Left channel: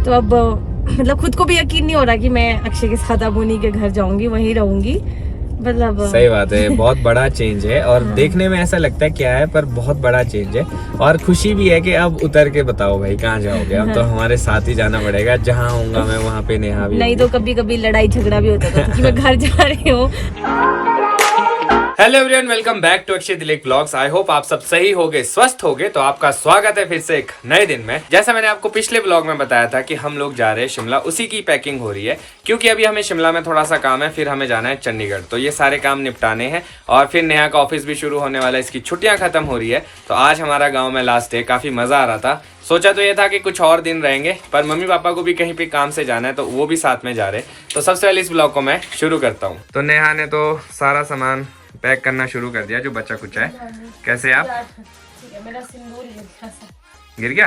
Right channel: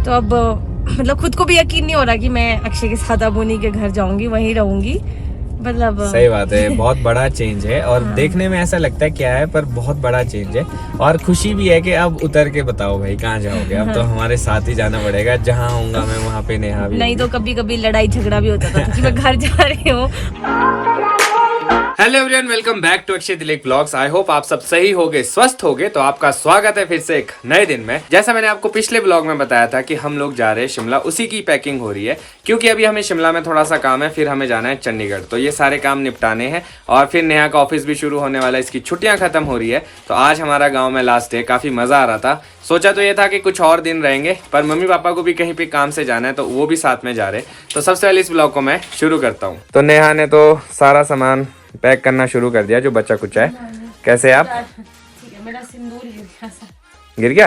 तो अब मतलब खुद को भी यकीन नहीं हो रहा कि मैं अक्षय के साथ अब उन्हीं के घर जाऊंगी, वहीं रहूंगी। मतलब सही बात है, बहुत बड़ा चेंज है और देखने में ऐसा लगता है क्या है, पर बहुत बड़ा चेंज है। और खुशी भी है कि अब उतर के बताओ भाई कहाँ जाओगे। अब तो हमारे साथ ही जाना पड़ेगा, जहाँ होऊंगा मैं वहाँ पे नेहा भी नहीं तो कभी कभी लड़ाई झगड़ा भी होता था कि मैं घर जा रही हूँ। Hello everyone, welcome back to Akshay Dilip blogs. I hope आप सब सही होगे, स्वस्थ होगे। तो आपका स्वागत है फिर से एक नए दिन में। जैसा मैंने आपको पिछले ब्लॉग में बताया था कि हम लोग जा रहे हैं शिमला, उसी की पैकिंग हो रही है क्योंकि अभी हमें शिमला में थोड़ा सा काम है, फिर हमें जाना है चंडीगढ़। तो ये सारे काम निपटाने हैं और फिर नेहा का ऑफिस भी शुरू होने वाला है, इसकी छुट्टियां खत्म हो रही है। तो आज हमारा गाँव में लास्ट डे, काफी मजा आ रहा था। सोचा तो ये था कि कुछ और दिन रहेंगे, पर मम्मी पापा को भी कहीं पे काम से जाना है तो वो भी साथ में जा रहे। तो सबसे पहले इस ब्लॉग को मैं शुरू करता हूँ। तो नेहा ने तो सारा सामान पैक करना शुरू कर दिया जो बच्चा कुछ है। कैसे आप? मेरा सिंदूर गिर गया?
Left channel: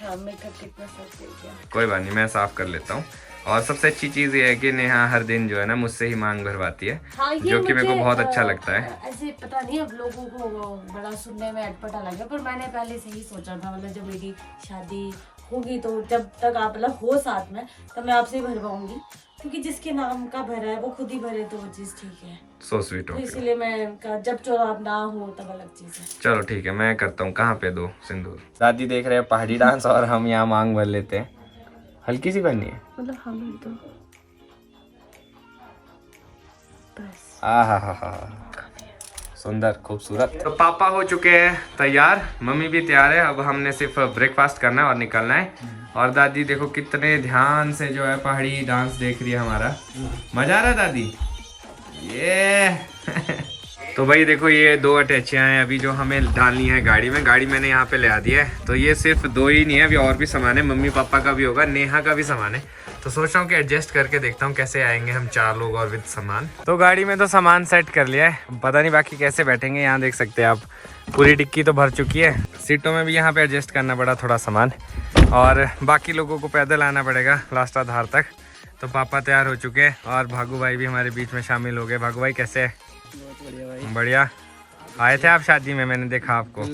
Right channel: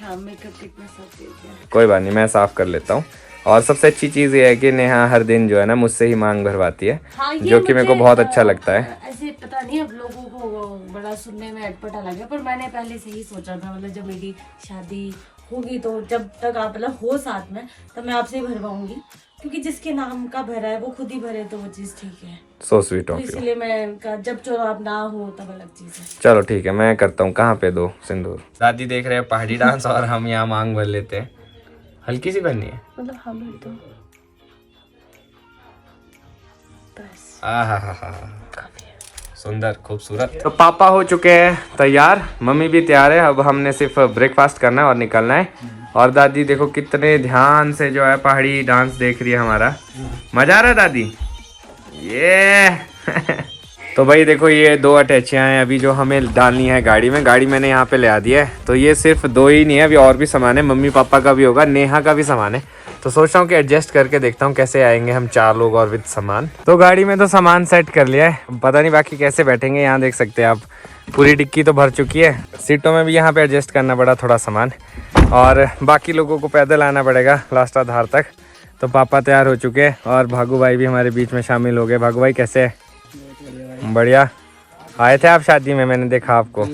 हाँ, मेकअप कितना साफ हो गया। कोई बात नहीं, मैं साफ कर लेता हूँ। और सबसे अच्छी चीज़ ये है कि नेहा हर दिन जो है ना मुझसे ही मांग भरवाती है। हाँ, जो कि मेरे को बहुत अच्छा लगता है। ऐसे पता नहीं अब लोगों को बड़ा सुनने में अटपटा लगा, पर मैंने पहले से ही सोचा था, मतलब जब मेरी शादी होगी तो जब तक आप मतलब हो साथ में, तब मैं आपसे ही भरवाऊंगी, क्योंकि जिसके नाम का भरा है वो खुद ही भरे तो वो चीज ठीक है। So sweet of you. इसलिए मैं जब चुनाव ना हो तब अलग चीज है। चलो ठीक है, मैं करता हूँ। कहाँ पे दो सिंदूर? दादी देख रहे हैं पहाड़ी डांस और हम यहाँ मांग भर लेते हैं। हल्की सी भरनी है, मतलब हम तो बस। आहा, सुंदर खूबसूरत। तो पापा हो चुके हैं तैयार, मम्मी भी तैयार है। अब हमने सिर्फ ब्रेकफास्ट करना है और निकलना है। और दादी देखो कितने ध्यान से जो है पहाड़ी डांस देख रही है हमारा। मजा आ रहा है दादी? ये तो भाई देखो ये 2 अटैचियाँ हैं अभी जो हमें डालनी है गाड़ी में। गाड़ी मैंने यहाँ पे ले आ दिया है। तो ये सिर्फ 2 ही नहीं है, अभी और भी सामान है। मम्मी पापा का भी होगा, नेहा का भी सामान है। तो सोच रहा हूँ कि एडजस्ट करके देखता हूँ कैसे आएंगे हम 4 लोग और विद सामान। तो गाड़ी में तो सामान सेट कर लिया है, पता नहीं बाकी कैसे बैठेंगे। यहाँ देख सकते हैं आप, पूरी डिक्की तो भर चुकी है। सीटों में भी यहाँ पे एडजस्ट करना पड़ा थोड़ा सामान, और बाकी लोगों को पैदल आना पड़ेगा लास्ट आधार तक। तो पापा तैयार हो चुके हैं और भागू भाई भी हमारे बीच में शामिल हो गए। भागू भाई कैसे है? बढ़िया। आए थे आप शादी में, मैंने देखा आपको।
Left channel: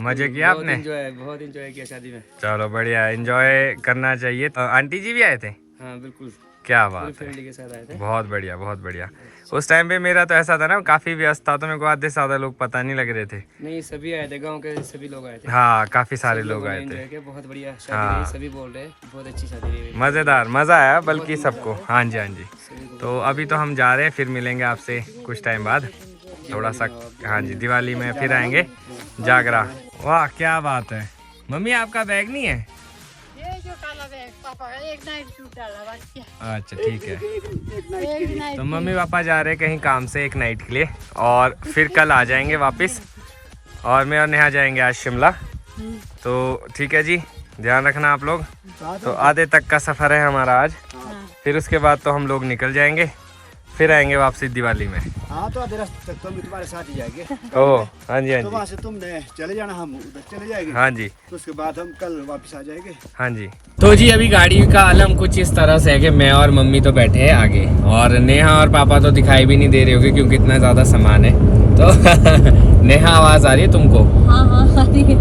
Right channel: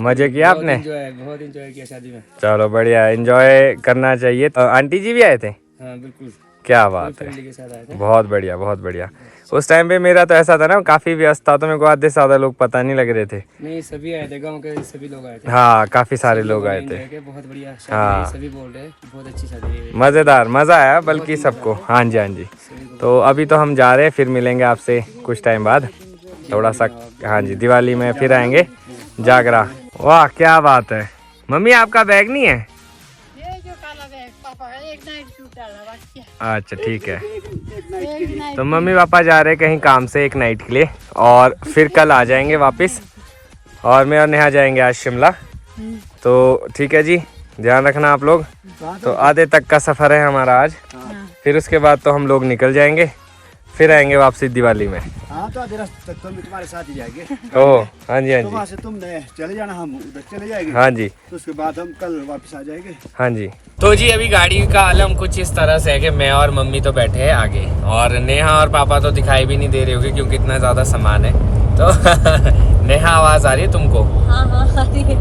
मजे किया आपने? बहुत एंजॉय किया शादी में। चलो बढ़िया, एंजॉय करना चाहिए। तो आंटी जी भी आए थे? हाँ बिल्कुल, क्या बात है, फैमिली के साथ आए थे। बहुत बढ़िया बहुत बढ़िया। उस टाइम पे मेरा तो ऐसा था ना, काफी व्यस्त था, तो मेरे को आधे से ज्यादा लोग पता नहीं लग रहे थे। नहीं, सभी आए थे, गांव के सभी लोग आए थे। हाँ, काफी सारे लोग आए थे। बहुत बढ़िया शादी। हाँ। सभी बोल रहे हैं बहुत अच्छी शादी है, मजेदार, मजा आया बल्कि सबको। हाँ जी हाँ जी। तो अभी तो हम जा रहे हैं, फिर मिलेंगे आपसे कुछ टाइम बाद थोड़ा सा। हाँ जी, दिवाली में फिर आएंगे जागरा। वाह क्या बात है। मम्मी आपका बैग नहीं है? ये जो काला बैग पापा का, एक नाइट सूट डाला बाकी है। अच्छा ठीक है। एक नाइट तो मम्मी पापा जा रहे हैं कहीं काम से एक नाइट के लिए, और फिर कल आ जाएंगे वापस। और मैं और नेहा जाएंगे आज शिमला। तो ठीक है जी, ध्यान रखना आप लोग। तो आधे तक का सफ़र है हमारा आज, फिर उसके बाद तो हम लोग निकल जाएंगे, फिर आएंगे वापसी दिवाली में। हाँ, तो आधे रास्ते तक तो हम तुम्हारे साथ ही जाएंगे। ओह हाँ जी हाँ तो जी। वहाँ से तुमने चले जाना, हम उधर चले जाएंगे। हाँ जी तो उसके बाद हम कल वापस आ जाएंगे। हाँ जी। तो जी अभी गाड़ी का आलम कुछ इस तरह से है कि मैं और मम्मी तो बैठे हैं आगे, और नेहा और पापा तो दिखाई भी नहीं दे रहे होगे क्योंकि इतना ज्यादा सामान है। तो नेहा आवाज आ रही है तुमको?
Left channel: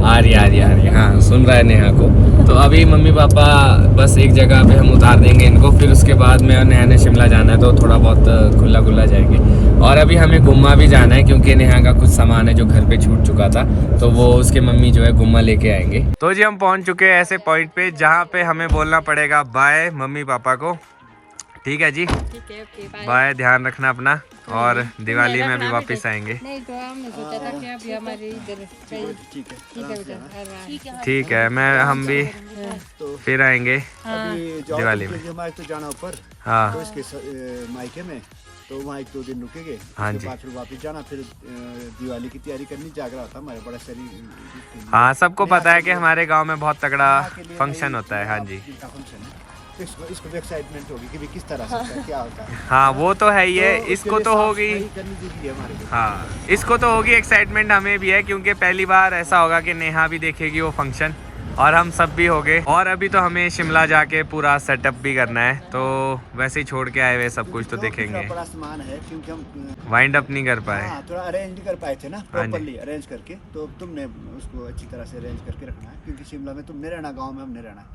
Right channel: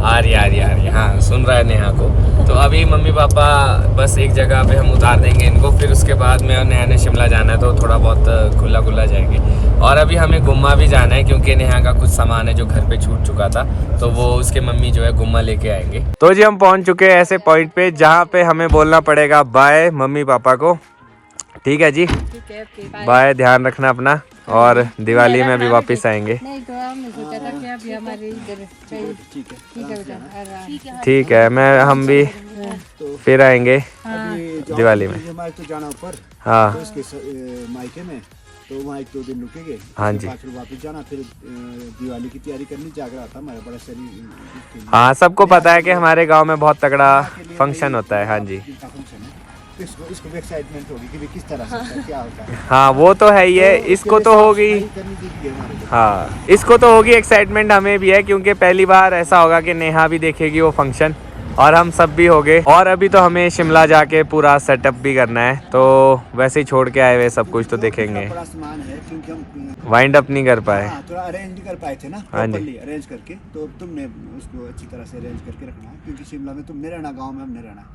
आ रही। हाँ, सुन रहा है नेहा को। तो अभी मम्मी पापा बस एक जगह पे हम उतार देंगे इनको, फिर उसके बाद मैं और नेहा ने शिमला जाना है, तो थोड़ा बहुत खुला जाएंगे। और अभी हमें गुम्मा भी जाना है क्योंकि नेहा का कुछ सामान है जो घर पे छूट चुका था, तो वो उसके मम्मी जो है गुम्मा लेके आएंगे। तो जी हम पहुंच चुके हैं ऐसे पॉइंट पे जहाँ पे हमें बोलना पड़ेगा बाय मम्मी पापा को। ठीक है जी, ठीक है, ओके बाय। बाय, ध्यान रखना अपना, और दिवाली में भी वापस आएंगे। नहीं तो हमने सोचा था कि अभी हमारे इधर चाहिए। ठीक है बेटा, ठीक है। ठीक है, हम भी फिर आएंगे अभी जाओ, दिवाली में। जो माइक तो जाना ऊपर, हाँ तो इसके मायके में, तो वहाँ 1-2 दिन रुकेंगे। हाँ उसके जी। बाद फिर वापस जाना, फिर दिवाली की तैयारी करनी। जागरा था हमारा बड़ा शरीर। हाँ, सबको पता है कि हमारे गांव में बहुत तगड़ा फंक्शन होता है। हाँ जी फंक्शन है, तो इसको भी एक्साइटमेंट होगी कि भी किस तरह से होता है, क्या होता है। हाँ, वो तो है ही है। तो इसको उसके तो लिए होगी। साफ सफाई करनी जरूरी है हमारे लिए। हाँ, इसको तो होगी एक्साइटमेंट, हमें भी है क्योंकि पहली बार ऐसा होगा कि नेहा भी देखेगी वो फंक्शन, और हम सब भी हो गए। और अभी तो हमें शिमला जाके पूरा सेटअप भी करना है, तो वैसे ही छोड़ के आए हुए सब कुछ तो देखेंगे। बड़ा सामान है क्योंकि हम वाइंड अप नहीं कर पाए। हाँ, थोड़ा अरेंज नहीं कर पाए थे ना, हाँ जी। प्रॉपर्ली अरेंज करके। तो तुमने उसको अच्छी तरह से अरेंज करके रखना है, क्योंकि शिमला में तुमने रहना, गांव में हमने रहना।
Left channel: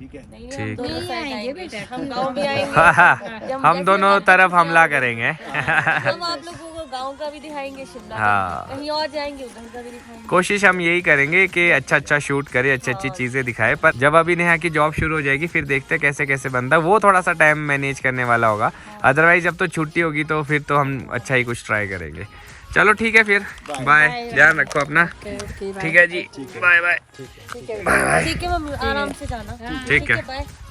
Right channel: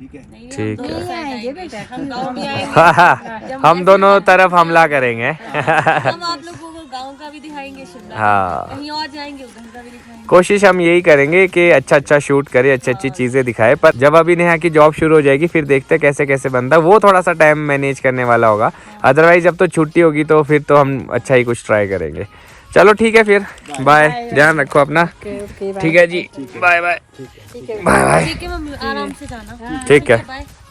ठीक है? ठीक है। नहीं आएंगे बेटा, हम गाँव भी आएंगे। हम दोनों तरफ हमला करेंगे। हम आप लोगों को गाँव का भी दिखाएंगे, शिमला हाँ। कहीं और जाएंगे उधर का भी दिखाएंगे। कोशिश हम यही करेंगे कि अच्छा शूट करे, अच्छी चीजें दिखाए। पर जब अभी नेहा की जॉब शुरू हो जाएगी फिर देखते हैं कैसे कैसे बनता है। वो थोड़ा सा टाइम मैनेज करने वाला होगा, अदरवाइज जब तो छुट्टी होगी तो फिर तो हम अच्छा ही कुछ ट्राई करेंगे। चलो ठीक है फिर, बाय, ध्यान रखो अपना। ठीक है जी, बाय बाय बाय। ठीक है, हम आराम से जाना। ठीक है,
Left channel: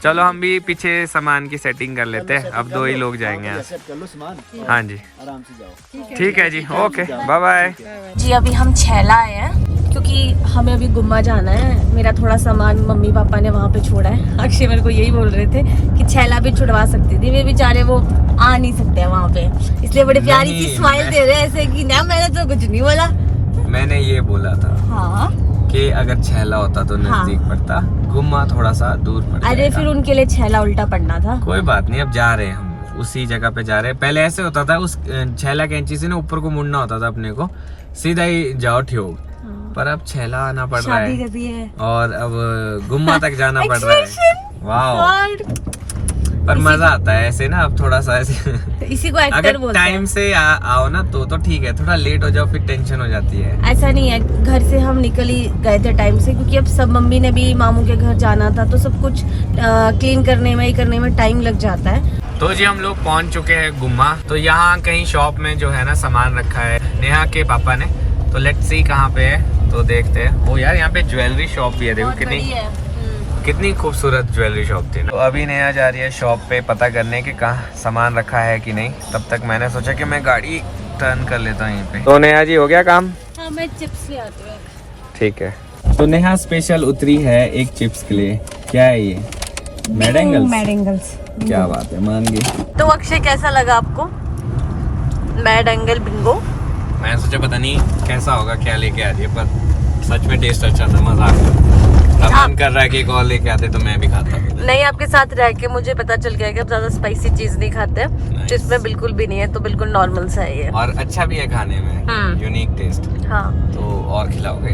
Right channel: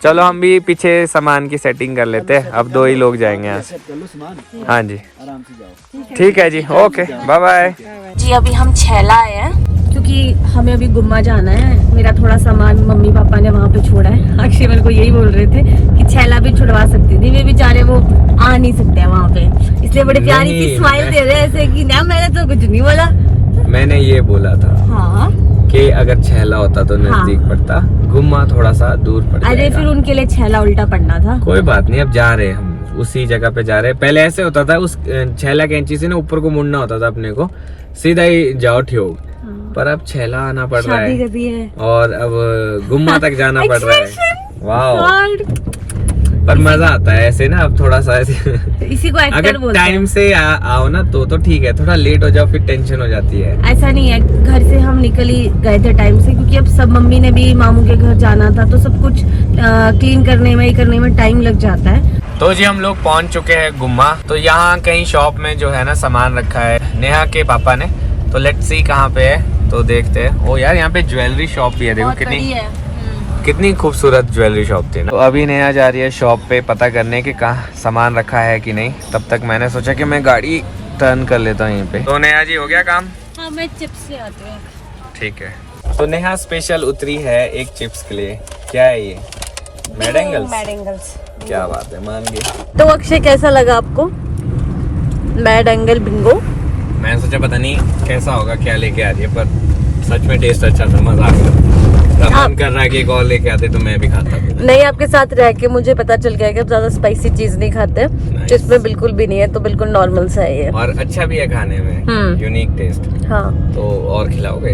चलो हम भी पीछे सामान की सेटिंग कर लेते हैं। अब 2 ही लोग जाएंगे यहाँ से। कर लो सामान, हाँ जी, आराम से जाओ। ठीक है जी, ओके, बाय बाय। जी अभी हम छैला आए हैं क्योंकि हमें अभी गुम्मा जाना है। मेरा थोड़ा सामान मम्मी पापा ने वहाँ पे छोड़ा है। अक्षय मेरे को यही बोल रहे थे कि छैला भी छुड़वा सकती थी, वे बेचारे वो आ नहीं सकते वहाँ पे, इसलिए बड़े प्यारी सी स्माइल दे रहे हैं ऐसे कि ना मैंने तो कुछ नहीं बोला। मैंने ये बोला था हाँ कि अगर छैला होता तो नजदीक पड़ता, गुम्मा थोड़ा सा दूर पड़ अरे जाएगा। फिर उनके लिए छैला उल्टा पड़ना था। कोई बात नहीं, अब जा रहे हैं हम उसी जगह पे जा रहे हैं। पहले ऐसे होता था, उस छैला कैंची से ना ऊपर को मुड़ना होता था अपने को, सीधा ही जाओ ठियोग। पर अब छैला आना पड़ रहा शादी है कर दी है। और अब गुम्मा तक जाना पड़ रहा है। वाह, पर मजा आता है ऐसे ना, अब थोड़ा सा ऐसे तो इसी को एक्टर अगर बोलते हैं। टाइम से आओ ना तो ठीक है, थोड़ा लेट हो जाओ फिर टेंशन हो जाती है। ऐसा नहीं है, घर से हम निकल ही गए थे टाइम से, क्योंकि अब सब मम्मी ने भी मामू के घर जाना था तो सब कुछ क्लीन करने में, ये करने में टाइम लग जाता है। तो जी हम लोग पहुंच चुके हैं गुम्मा। तो यहाँ कहीं शॉप में जो है ना सामान रखा है नेहा के पापा ने, तो लेट्स सी कहाँ पे है तो देखते हैं। ओ यार, यहाँ पे ज्वेलरी शॉप भी है, देखो कितनी खूबसूरत ज्वेलरी शॉप थी ना। तो अभी नेहा जा रही है शॉप पे पता करने कि कहाँ सामान रखा है कि नहीं। तब तक मैंने सोचा कि मैं गाड़ी टर्न कर लेता हूँ यहीं पे। तो नेहा जी हो गया काम? हाँ, मैं चिप्स ले आती हूँ। ठीक है। तो नेहा स्पेशल उतरी है एक चिप्स के लिए। क्या है ये? मैड क्या बात है, मान गई। तो अक्षय कैसा लगा आपको मैड एंगल बिंगो? मैंने सोचा पता नहीं कैसा होगा, क्या लेके आ रही है, पर सच में टेस्ट अच्छा था, मजा आ गया। मन कर रहा है कि एक और लेके आते तो मैं भी खाता। नहीं, आपके साथ रह के मुझे पता चल गया कि आप ज्यादा स्पाइसी चीज नहीं खाते, तो इसमें बिल्कुल भी नहीं है, तो बिल्कुल नॉर्मल सा है ये। और अच्छा भी है खाने में, यूनिक टेस्ट। हाँ, तो और खिलाओगे?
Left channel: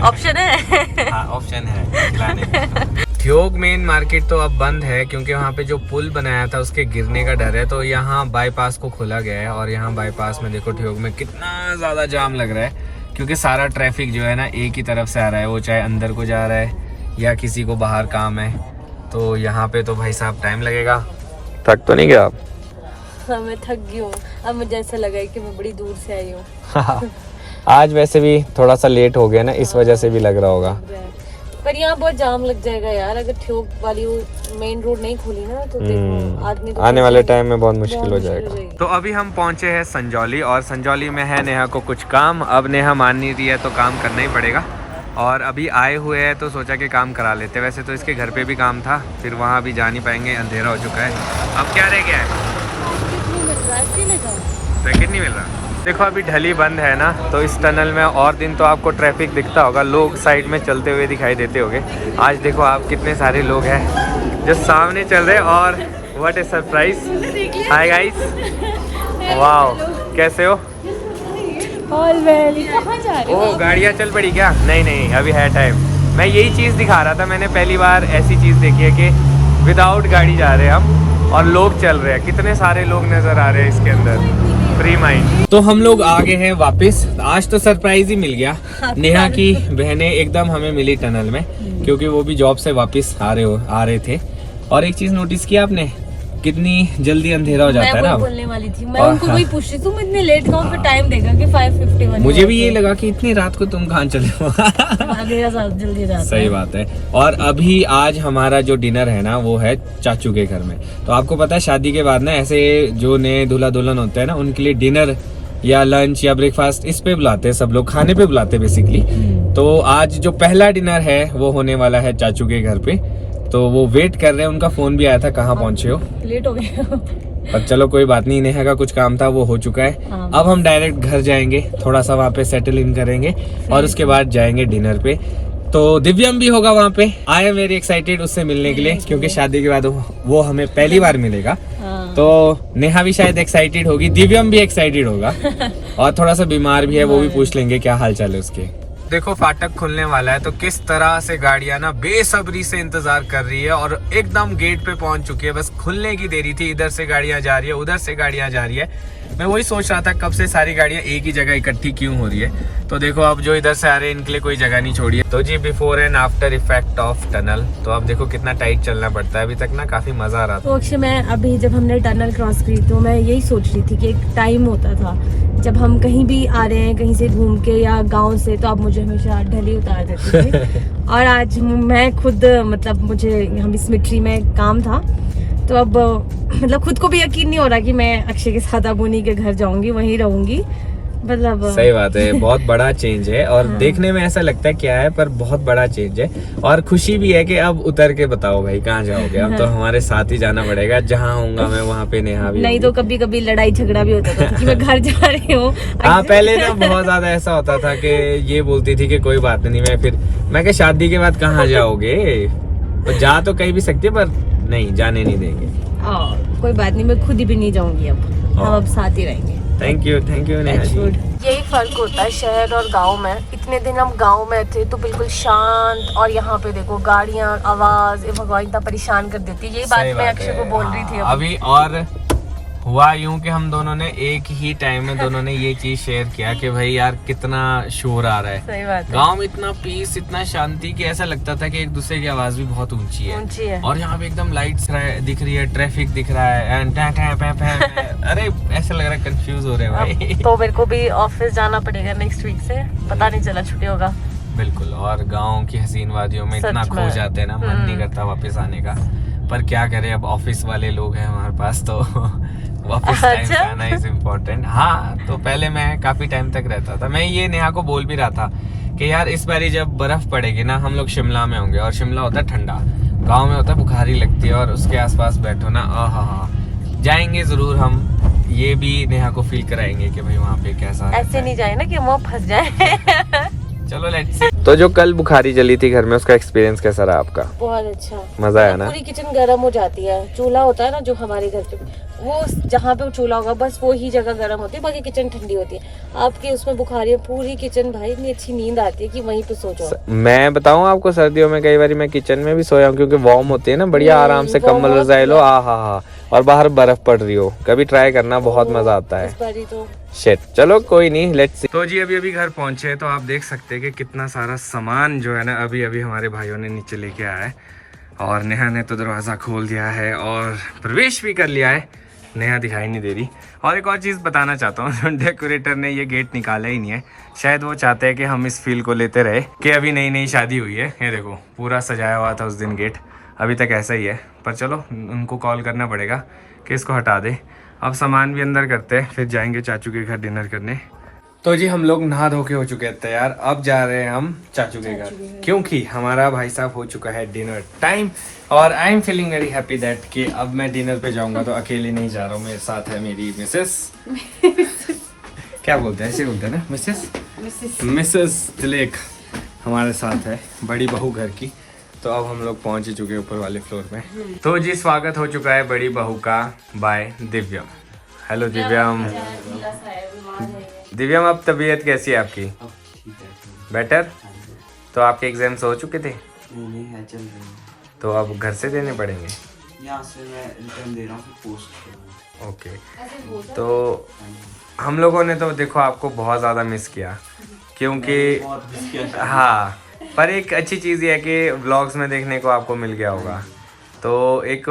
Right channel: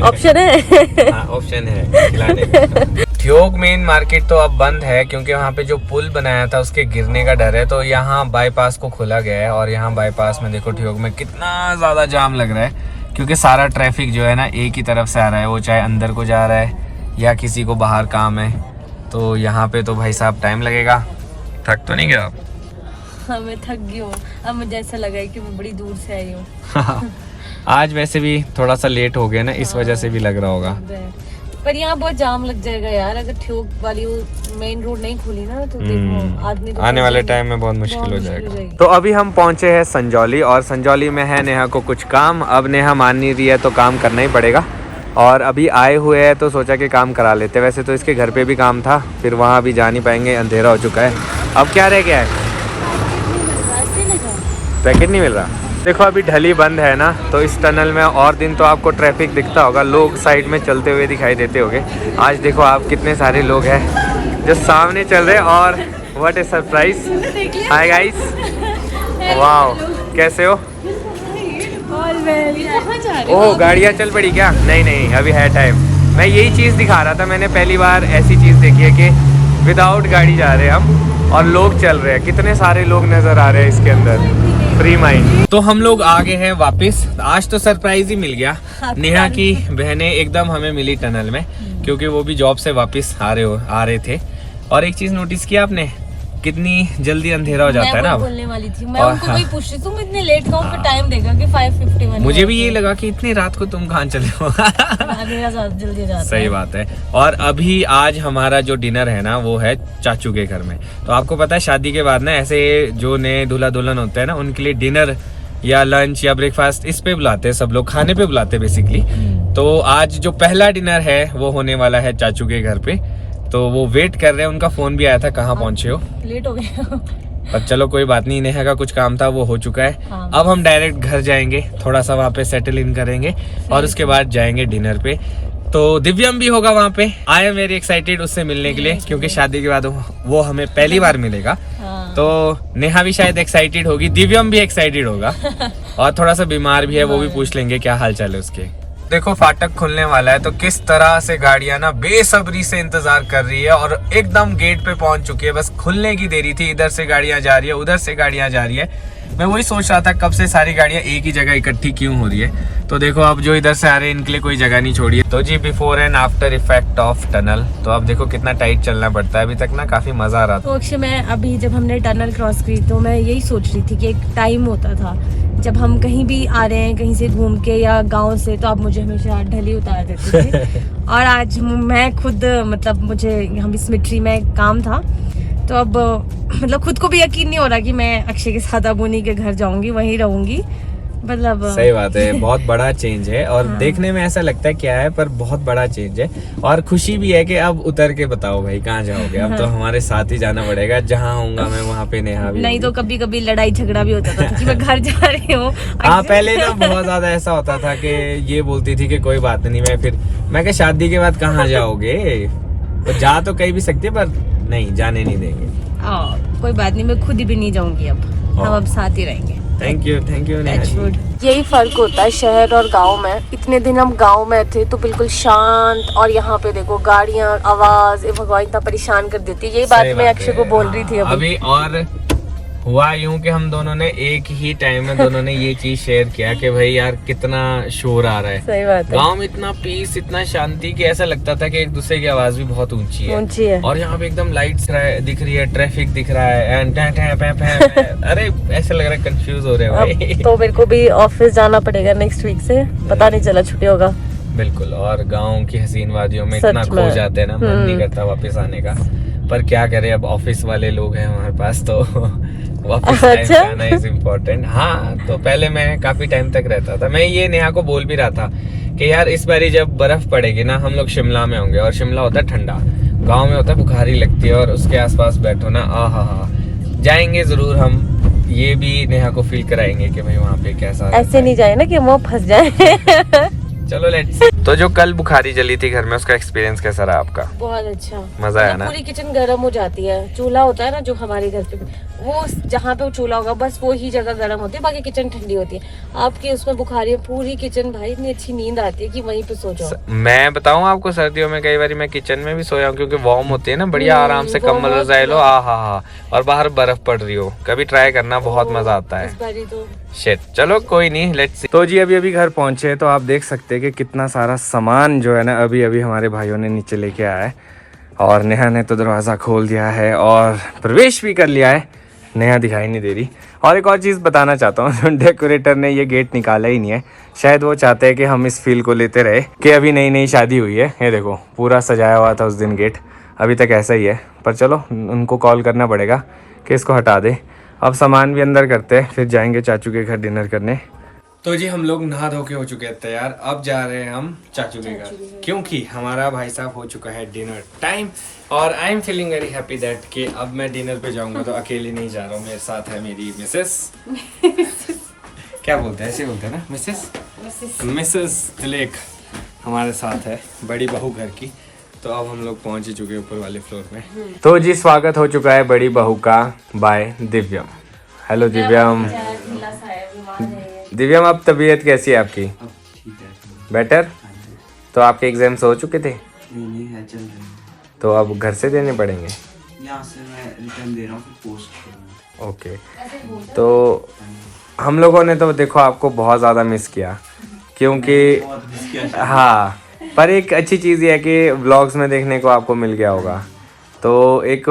ऑप्शन है। हाँ, ऑप्शन है खिलाने का। ठियोग मेन मार्केट तो अब बंद है क्योंकि वहाँ पे जो पुल बनाया था उसके गिरने का डर है। तो यहाँ बाईपास को खोला गया है और यहाँ बाईपास में देखो ठियोग में कितना ज्यादा जाम लग रहा है, क्योंकि सारा ट्रैफिक जो है ना एक ही तरफ से आ रहा है, वो चाहे अंदर को जा रहा है या किसी को बाहर काम है। तो यहाँ पे तो भाई साहब टाइम लगेगा। थक तो नहीं गया आप? हाँ, मैं थक गई हूँ। अब मुझे ऐसा लगा है कि मैं बड़ी दूर से आई हूँ। आज वैसे भी थोड़ा सा लेट हो गया ना, इस वजह से भी लग रहा होगा। पर यहाँ बहुत जाम लग जाएगा यार, अगर ठियोग वाली मेन रोड नहीं खुली ना तो देखो आदमी तो आने वाले टाइम में बहुत मुश्किल हो जाएगा। तो अभी हम पहुंचे हैं संजौली, और संजौली में है नेहा को कुछ काम। अब नेहा मान नहीं रही है तो काम करना ही पड़ेगा, और अभी आए हुए हैं तो सोचा कि काम करा लेते। वैसे तो इसके घर पे भी काम था, फिर वहाँ भी जा नहीं पाएंगे, अंधेरा हो चुका है। अब क्या रह गया है? पैकेट नहीं मिल रहा। देखो अभी ढली बंद है ना, तो इस टनल में और दिन तो आपको ट्रैफिक दिखता होगा, लोग साइड में चलते हुए दिखाई देते होंगे। आज देखो आप कितने सारे लोग हैं जो सामने चल रहे हैं, और what A surprise. Hi guys, wow, कैसे हो? ओह, गाड़ियाँ चल पड़ी क्या? नहीं, अभी है टाइम। मैं यही चीज़ दिखा रहा था, मैंने पहली बार ऐसी चीज़ देखी है कि विदाउट गाड़ी जा रहे हैं हम और लोग चल रहे हैं। कितने सारे लोग नजर आ रहे हैं इसके अंदर, फ्री माइंड। तो हम लोग आ गए हैं वापस। आज तो सरप्राइज ही मिल गया। नेहा की बहनें एकदम हमें मिली टनल में, क्योंकि वो भी जॉब से वापस आ रहे थे। और एक चीज नोटिस किया आपने, कितनी जल्दी अंधेरा हो जाता है ना। बोलने वाली थी मैं, उनको वही पूछ रही थी, मैं इतनी लेट गाँव का टाइम देखा कि 5:51। मुझे भी ये लगा कि इतनी रात को तुम कहाँ चले हो। जल्दी जाता है। सही बात है। और अभी आज हमारा जो डिनर है ना वो है चाचू के घर में। तो आपको पता है शादी के बाद ना ऐसे जो नए दूल्हा दुल्हन होते हैं ना, उनके लिए डिनर या लंच या ब्रेकफास्ट इस पे बुलाते हैं, सब लोग खाने पे बुलाते हैं बेसिकली। तो आज जो पहला डिनर है वो होने वाला है चाचू के घर पे। तो वो वेट कर रहे हैं, उनका फोन भी आया था कहाँ पहुंचे हो, लेट हो गया। पर चलो कोई बात नहीं, नेहा का कुछ काम था वो हो चुका है। अब हम डायरेक्ट घर जाएंगे, थोड़ा सा वहाँ पे सेटल इन करेंगे और उसके बाद जाएंगे डिनर पे। तो दिव्यम भी होगा वहाँ पे। आई एम वेरी एक्साइटेड उससे मिलने के लिए, क्योंकि शादी के बाद वो हमें पहली बार मिलेगा। तो नेहा भी शायद एक्साइटेड होगी, दिव्यम भी एक्साइटेड होगा, और थोड़ा सा बीमार भी है, वो भी पूछ लेंगे क्या हाल चाल है उसके। देखो फाटक खुलने वाला है तो किस तरह से गाड़ियां ना बेसब्री से इंतजार कर रही है और एकदम गेट पे पहुंच चुकी है। बस खुलने की देरी थी, इधर से गाड़ियां जा रही है, उधर से गाड़ियां जा रही है। मैं वही सोच रहा था कब से सारी गाड़ियां एक ही जगह इकट्ठी क्यों हो रही है। तो देखो अब जो इधर से आ रहे हैं इनके लिए कोई जगह नहीं छोड़ी है। तो जी before and after effect of tunnel, तो अब देखो कितना टाइट चलना पड़ता है। अभी तक ना काफी मजा आ रहा था। तो अक्षय मैं अभी जब हमने टनल क्रॉस की तो मैं यही सोच रही थी कि एक टाइम होता था जब हम कहीं भी आ रहे हैं कहीं से घूम के या गांव से, तो आप मुझे हमेशा ढली उतार देते थे और आज मैं खुद मतलब मुझे हम इस मिट्री में काम था तो अब मतलब खुद को भी यकीन नहीं हो रहा कि मैं अक्षय के साथ अब उन्हीं के घर जाऊंगी, वहीं रहूंगी। मतलब सही बात है, बहुत बड़ा चेंज है और देखने में ऐसा लगता है क्या है पर बहुत बड़ा चेंज है। और खुशी भी है कि अब उतर के बताओ भाई कहाँ जाओगे। अब तो हमारे साथ ही जाना पड़ेगा, जहाँ होऊंगा मैं वहाँ पे नेहा भी नहीं तो कभी कभी लड़ाई झगड़ा भी होता था कि मैं घर जा रही हूँ। हाँ पहले ना बहुत ज्यादा ऐसा होता था कि ये बोलती थी कि कोई बात नहीं, मैं क्या शादी के बाद कहाँ जाओगे, तो जा तो कहीं भी सकती पर नहीं जाने नहीं देंगे। कोई बात नहीं, मैं खुद ही भी नहीं जाऊंगी, अब हम अब साथ ही रहेंगे। Thank you Neha ji. यही फर्क होता है शहर और गांव में। इतने दिन हम गांव में थे तो बिल्कुल शांत, और यहाँ पे देखो गाड़ियां, आवाज, भगवान इतना परेशान कर देती है। यही बात मैं अक्षय को बोल रही थी अभी। और हुआ यूं कि हम दोनों ने एक ही टाइम में दोनों ने ये चीज शेयर किया कि भाई यार कितना शोर आ रहा है। सही बात है। गांव में इतना पीस, इतना शांति कि ऐसा लगता था कि एक दूसरे की आवाज भी बहुत ऊंची है। और यहाँ पे एकदम लाइट्स दिख रही है, ट्रैफिक दिख रहा है, अरे ऐसा लग रहा है कंफ्यूज हो रहे हैं भाई। तो मेरे को भी ऑफिस जाना पड़ेगा नेक्स्ट वीक से, पता नहीं चला छुट्टी होगा। बिल्कुल, और गाँव की हसीन वादियों में इतना खो जाते हैं ना, मन नहीं करता वापस आने का। पर क्या करें, अब ऑफिस वाले लोग हैं हमारे पास तो वापस आना इज इम्पोर्टेंट। हाँ तो पहले मैं काफी टाइम तक रहता था। मैं ये नेहा को बोल भी रहा था कि यार इस बारी जब बर्फ पड़ेगी ना हम लोग शिमला में होंगे, और शिमला होता है ठंडा, गांव में होता है बुखारी लगती है, और उसके आसपास बैठो ना आहा। जाएंगे जरूर हम, ये भी नेहा को फील कराएंगे कि भाई वहाँ पे कैसा। ऐसे नहीं जाए ना कि हम फंस जाए। चलो लेट्स। तो जो कल बुखारी जली थी घर में, उसका एक्सपीरियंस कैसा रहा आपका? बहुत अच्छा, मजा आया ना? पूरी किचन गर्म हो जाती है। चूल्हा होता है ना जो हमारे घर पे, वो जहाँ पे चूल्हा होगा बस वो ही जगह गर्म होती है, बाकी किचन ठंडी होती है। आपके उसमें बुखारी है, पूरी किचन भाई इतनी अच्छी नींद आती है कि वहीं पे सो जाओ। मैं बताऊं आपको, सर्दियों में कई बार मैं किचन में भी सोया हूँ क्योंकि वार्म होती है ना, बढ़िया आराम से कम्बल रजाई लो, आहा, और बाहर बर्फ पड़ रही हो। कभी ट्राई करना, बहुत मजा आता है। शिट, चलो कोई नहीं, लेट्स सी। तो जी अभी घर पहुंचे, तो आप देख सकते हैं कि कितना सारा सामान जो है ना अभी हमारे भाइयों ने नीचे लेके आया है, और नेहा ने तो दरवाज़ा खोल दिया है और प्रवेश भी कर लिया है। नेहा दिखाई नहीं दे रही। और एक और चीज़ बताना चाहता हूँ, डेकोरेटर ने ये गेट निकाला ही नहीं है। शायद वो चाहते हैं कि हम इस फील को लेते रहे कि अभी नई नई शादी हुई है। ये देखो पूरा सजाया हुआ था उस दिन गेट, अभी तक ऐसा ही है। पर चलो उनको कॉल करना पड़ेगा कि इसको हटा दे। अब सामान भी अंदर करते हैं, फिर जाएंगे चाचू के घर डिनर करने। तो जी हम लोग नहा धो के हो चुके हैं तैयार, अब जा रहे हैं हम चाचू के घर, क्योंकि हमारा भाई साहब हो चुका है डिनर टाइम। और I am feeling very happy that कि अब मैं डिनर पे जाऊंगा तो अकेले नहीं जा रहा हूँ, मेरे साथ है मेरी मिसेस। क्या बोलते हैं, ऐसे बोलते हैं ना, मिसेस तिलेक हमारे साथ है, बड़ी बहू घर की। तो अब हम लोग पहुंच ही चुके हैं ऊपर वाले फ्लोर में। तो जी स्वागत हो चुका है बड़ी बहू का बाय दिव्यम। हेलो दिव्यम। दिव्यम अब तबीयत कैसी है आपकी? बेटर? तो आपके एग्जाम्स हो चुके थे? नहीं है, चल रही है। तो अब घर से देने पड़ेंगे? यहाँ से मैं रिटर्न दे रहा हूँ, फिर पोस्ट। ओके, तो हम लोगों ने तो देखो आपको बहुत ज़्यादा मिस किया, क्योंकि हाँ, पर एक अच्छी चीज़ ये है कि व्लॉग्स में देखने को आपको मिल गया होगा। तो एक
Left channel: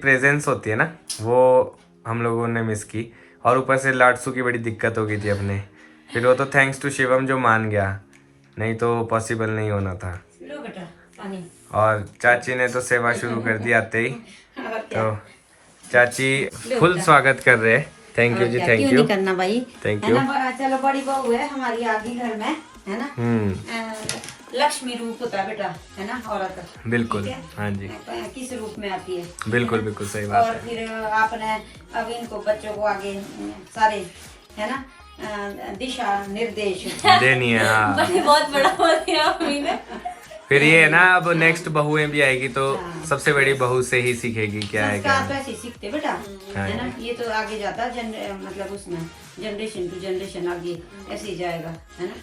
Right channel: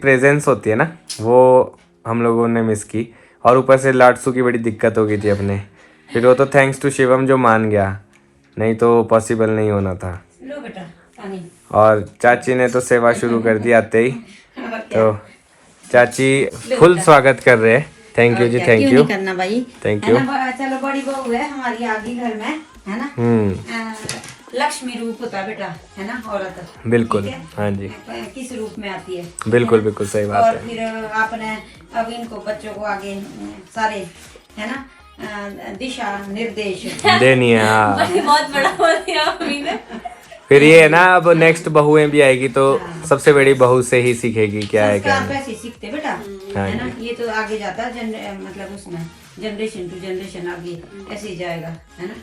प्रेजेंस होती है ना, वो हम लोगों ने मिस की। और ऊपर से लाडसू की बड़ी दिक्कत हो गई थी अपने, फिर वो तो थैंक्स टू शिवम जो मान गया, नहीं तो पॉसिबल नहीं होना था। और चाची ने तो सेवा शुरू कर दी आते ही, तो चाची फुल स्वागत कर रहे हैं। Thank you ji, thank you करना भाई, थैंक यू। चलो बड़ी बहू है हमारी, आगे घर में है ना, लक्ष्मी रूप होता है बेटा, है ना औरत। बिल्कुल, हाँ जी, किस रूप में आती है। बिल्कुल बिल्कुल सही बात और है। फिर आपने अब इनको बच्चों को आगे सारे है ना दिशा निर्देश देनी है। हाँ बहुत बड़ा बोल दिया मम्मी ने। फिर ये है ना, अब नेक्स्ट बहुएं भी आएगी तो सबसे बड़ी बहू से ही सीखेगी क्या है क्या संस्कार नहीं। वैसे सीखते बेटा, हाँ है ना, जी। ये तो आगे जाता है मतलब उसमें जनरेशन टू जनरेशन आगे ऐसे ही जाएगा, है ना।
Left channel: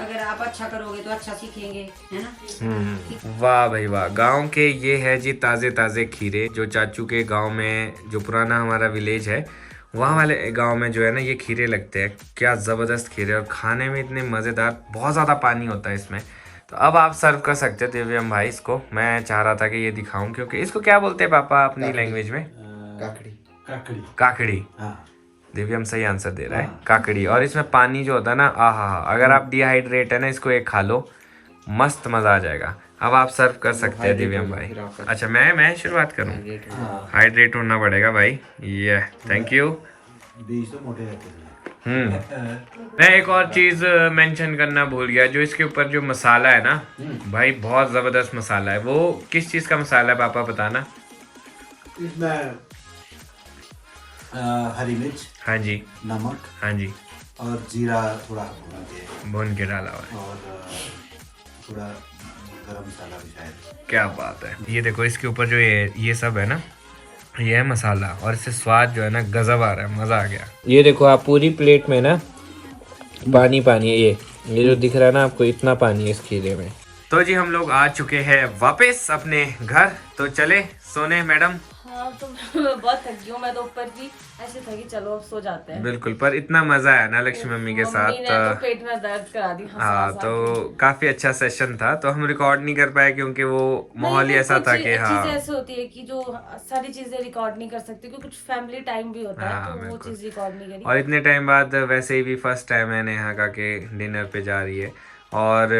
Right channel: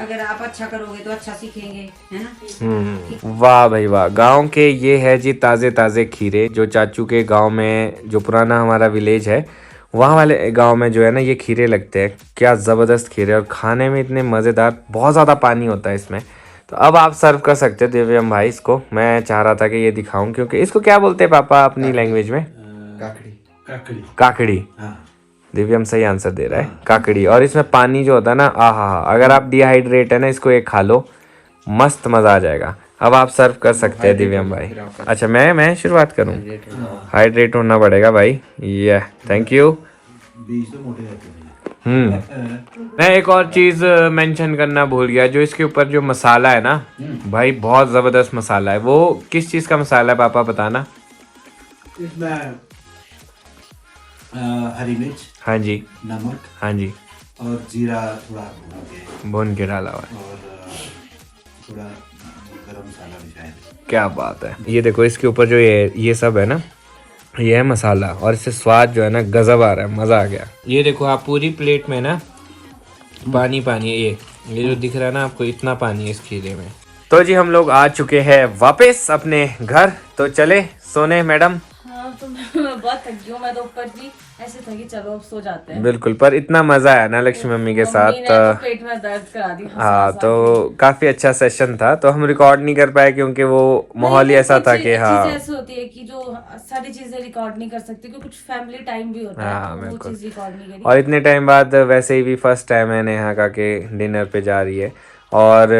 अगर आप अच्छा करोगे तो अच्छा सीखेंगे, है ना। वाह भाई वाह, गांव के ये है जी ताज़े ताज़े खीरे। जो चाचू के गांव में, जो पुराना हमारा विलेज है, वहाँ वाले गांव में जो है ना ये खीरे लगते हैं। क्या ज़बरदस्त खीरे, और खाने में इतने मज़ेदार, बहुत ज़्यादा पानी होता है इसमें। तो अब आप सर्व कर सकते हो दिव्यम भाई इसको। मैं चाह रहा था कि ये दिखाऊं, क्योंकि इसको क्या बोलते हैं पापा अपनी लैंग्वेज में? काकड़ी काकड़ी। हाँ दिव्यम सही आंसर दे रहा है, काकड़ी। और इसमें पानी जो होता है ना, आहा, अगर आप डिहाइड्रेट है ना, इसको एक खा लो, मस्त मज़ा आ जाएगा। अब आप सर्व कर सकते हैं दिव्यम भाई। अच्छा मैं शुरुआत करूं? हाइड्रेट होना पड़ेगा भाई। ये थैंक यू। बीज तो मोटे रहते हैं। मैं एक और चीज़ मेंशन करना भूल गया, जो इसके ऊपर जो मसाला है ना भाई, बहुत ज़बरदस्त मसाला है। वो किस चीज़ का मसाला है पापा, बताना। इसमें हरी मिर्च, हाँ जी, नमक, हाँ जी, और जीरा थोड़ा भून के डाला हुआ है। और थोड़ा गरम मसाला भी शायद। क्या बात है। ये देखो इसके ऊपर जो ये सब है ना, ये है मसाला, और इससे स्वाद जो है ना गजब आ रहा है, मज़ा आ गया। ये देखो आप पूरी प्लेट में ना पानी पानी है। ये जो दिख रहा है ना आपको, इतना पानी है इस खीरे में। तो जी हम लोग आ चुके हैं वापस अपने घर, तो चले सोने मैडम। हाँ तो मैं बहुत थक गई हूँ। मैं तो ऊपर भी ऐसे था कि चलो अब सो जाते हैं। बिल्कुल, पर इतना मजा आया ना लक्ष्मी मम्मी के साथ। मम्मी ने तो पेट में दर्द करा दी। हाँ, तो काफी अच्छा सेशन था। तो हम रिकॉर्ड नहीं कर पाए क्योंकि वो माहौल ही ऐसा था कि हाँ, ऐसे होती है कि जो सारी चीजें रिकॉर्ड नहीं कर सकती, क्योंकि कुछ फैमिली टाइम भी होता है, तो वो चीज रिकॉर्ड नहीं करी। और इतने टाइम बाद वैसे ही भी फर्स्ट टाइम है नेहा का के डिनर पे जा रही है। और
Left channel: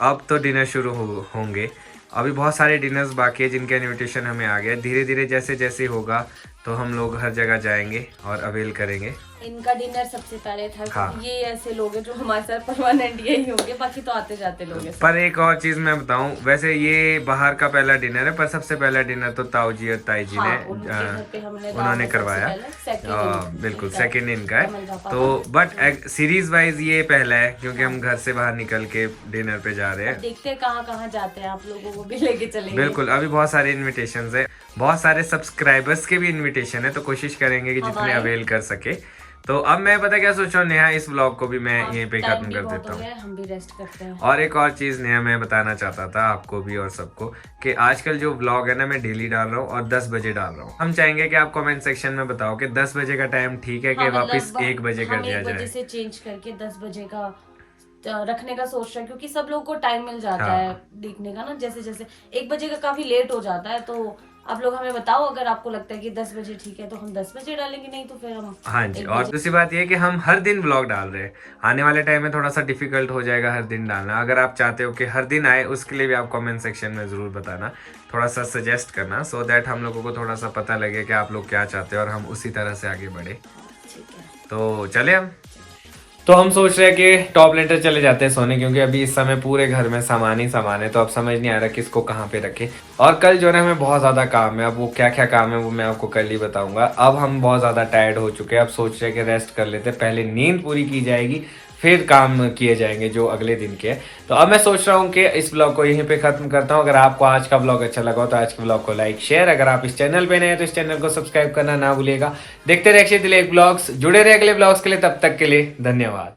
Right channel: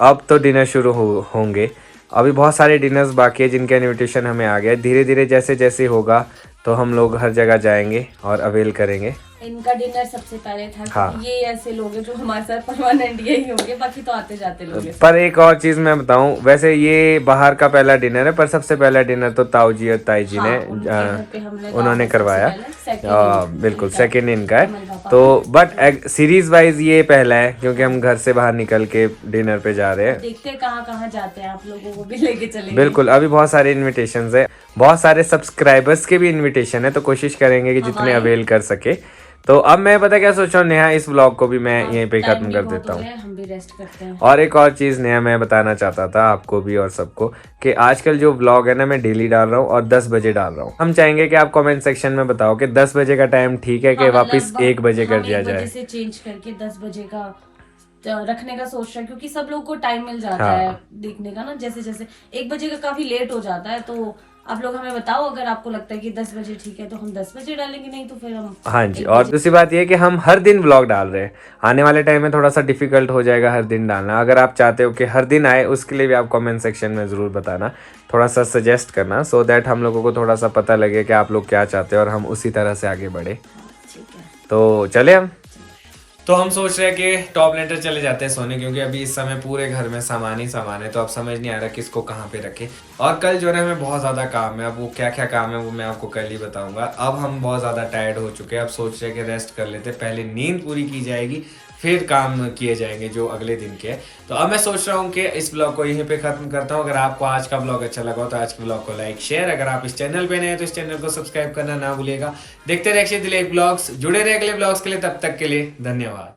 अब तो डिनर शुरू होंगे। अभी बहुत सारे डिनर्स बाकी है जिनका इनविटेशन हमें आ गया। धीरे धीरे जैसे जैसे होगा तो हम लोग हर जगह जाएंगे और अवेल करेंगे। इनका डिनर सबसे पहले था। हाँ। ये ऐसे लोग हैं जो हमारे साथ परमानेंट यही होंगे, बाकी तो आते जाते लोग हैं। पर एक और चीज मैं बताऊं, वैसे ये बाहर का पहला डिनर है, पर सबसे पहला डिनर तो ताऊ जी और ताई जी ने उन्होंने करवाया। बिल्कुल सेकंड इनका है। तो बट सीरीज वाइज ये पहला है, क्योंकि हम घर से बाहर निकल के डिनर पे जा रहे हैं। देखते हैं कहाँ कहाँ जाते हैं, आप लोगों को भी लेके चलेंगे। बिल्कुल, अभी बहुत सारे इनविटेशंस है, बहुत सारे सब्सक्राइबर्स के भी इनविटेशन है, तो कोशिश करेंगे कि जितने अवेल कर सके। तो अब मैं पता क्या सोच रहा हूँ नेहा, इस व्लॉग को भी मैं यहीं पे खत्म कर देता हूँ। हम भी रेस्ट करते हैं। और एक और चीज़ नेहा मैं बताना चाहता था आपको भी और सबको, कि आजकल जो व्लॉग है ना मैं डेली डाल रहा हूँ और 10 बजे डाल रहा हूँ। हम चाहेंगे कि आप कमेंट सेक्शन में बताओ कि 10 बजे का टाइम ठीक है कि वापस 1 बजे कर दिया जाए। से चेंज करके 10 बजे का रखने का सोच रहा है, क्योंकि सब लोग को टाइम मिल जाता है देखने का ना। जैसे जैसे 1 बजे का काफी लेट हो जाता है, तो आप लोग हमें बताओ अगर आपको लगता है कि 10 बजे ठीक है तो हम 10 बजे डालेंगे, नहीं तो फिर हम। हाँ जी, और दूसरी बात ये है कि हम हर दिन व्लॉग डाल रहे हैं। आने वाले टाइम में थोड़ा सा डिफिकल्ट हो जाएगा हर दिन डालना। अगर आप चाहते हो कि हर दिन आए, उसके लिए भी आप कमेंट सेक्शन में ज़रूर बताना, थोड़ा सा सजेस्ट करना, सो दैट हम लोगों को थोड़ा सा पता लगे कि आप लोग क्या चाहते हैं और हम उसी तरह से आगे बढ़े। तो चले हम। तो हम सोच रहे हैं कि टॉप लेटर चले जाते हैं सोने, क्योंकि अभी इस समय पूरे घर में सामान ही सामान है, तो अब समझ नहीं आ रहा किसको कहाँ पे रखे। और कल जो है हमें बहुत ज़्यादा काम है। अब वो क्या क्या काम है वो मैं आपको कल ही बताऊंगा। अब हम बहुत ज़्यादा टायर्ड हो चुके हैं, अब सोच रहे हैं कि रेस्ट कर लेते हैं, पहले नींद पूरी की जाएगी, फिर काम किए जाएंगे जो अगले दिन के। तो अब मैं सोच रहा हूँ कि इस ब्लॉग को यहीं पे खत्म करता हूँ। अगर आपको आज का ब्लॉग अच्छा लगा हो तो आज के ब्लॉग को लाइक शेयर, अगर आप इस चैनल पे नए हैं तो इस चैनल को सब्सक्राइब करना ना भूलिएगा। देखते रहिए अक्षय दिलेख ब्लॉग्स, जुड़े रहे अगले ब्लॉग्स के लिए। तब तक के लिए धन्यवाद।